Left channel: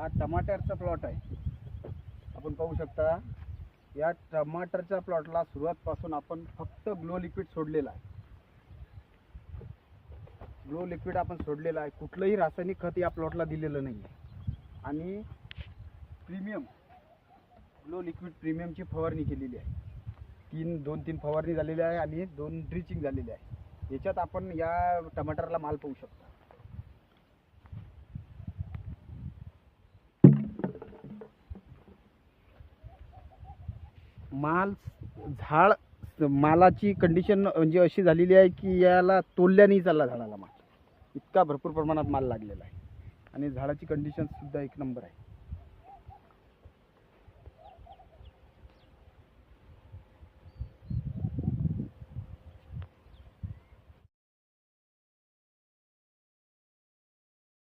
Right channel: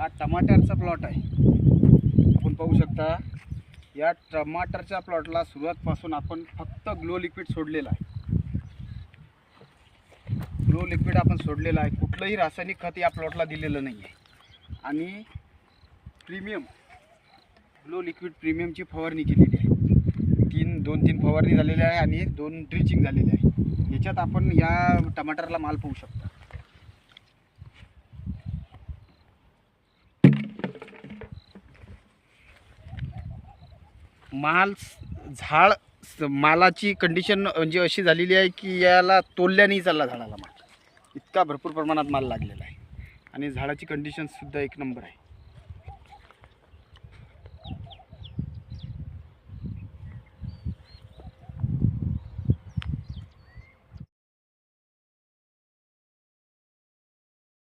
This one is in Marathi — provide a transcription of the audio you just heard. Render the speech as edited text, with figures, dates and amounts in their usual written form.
हा टमाटरचा प्लॉट आहे. आपण पाहू शकता या टमाटरच्या प्लॉटला सुरुवातपासून आपण फक्त ग्लो लिक्विड सोडलेलं आहे. ग्लो लिक्विड आपण सोडलेलं आहे. कुठलंही रासायनिक खत या प्लॉटला दिलेलं नाही आहे. आणि प्रीमियम ग्लो लिक्विड प्रीमियमची फवारणी केलेली आहे. 2-3 फवारणी झालेली आहे आणि 2 ड्रिचिंग झालेली आहे. याच्यात आपण या टमाटरला माल पाहू शकता. मालाची कंडिशन म्हणजे अशी झालेली आहे की याला तोडल्या नाही चालला झाडाला माल. इतका भरपूर प्रमाणात माल लागलेला आहे आणि झाडाची कंडिशन सुद्धा एक नंबर आहे.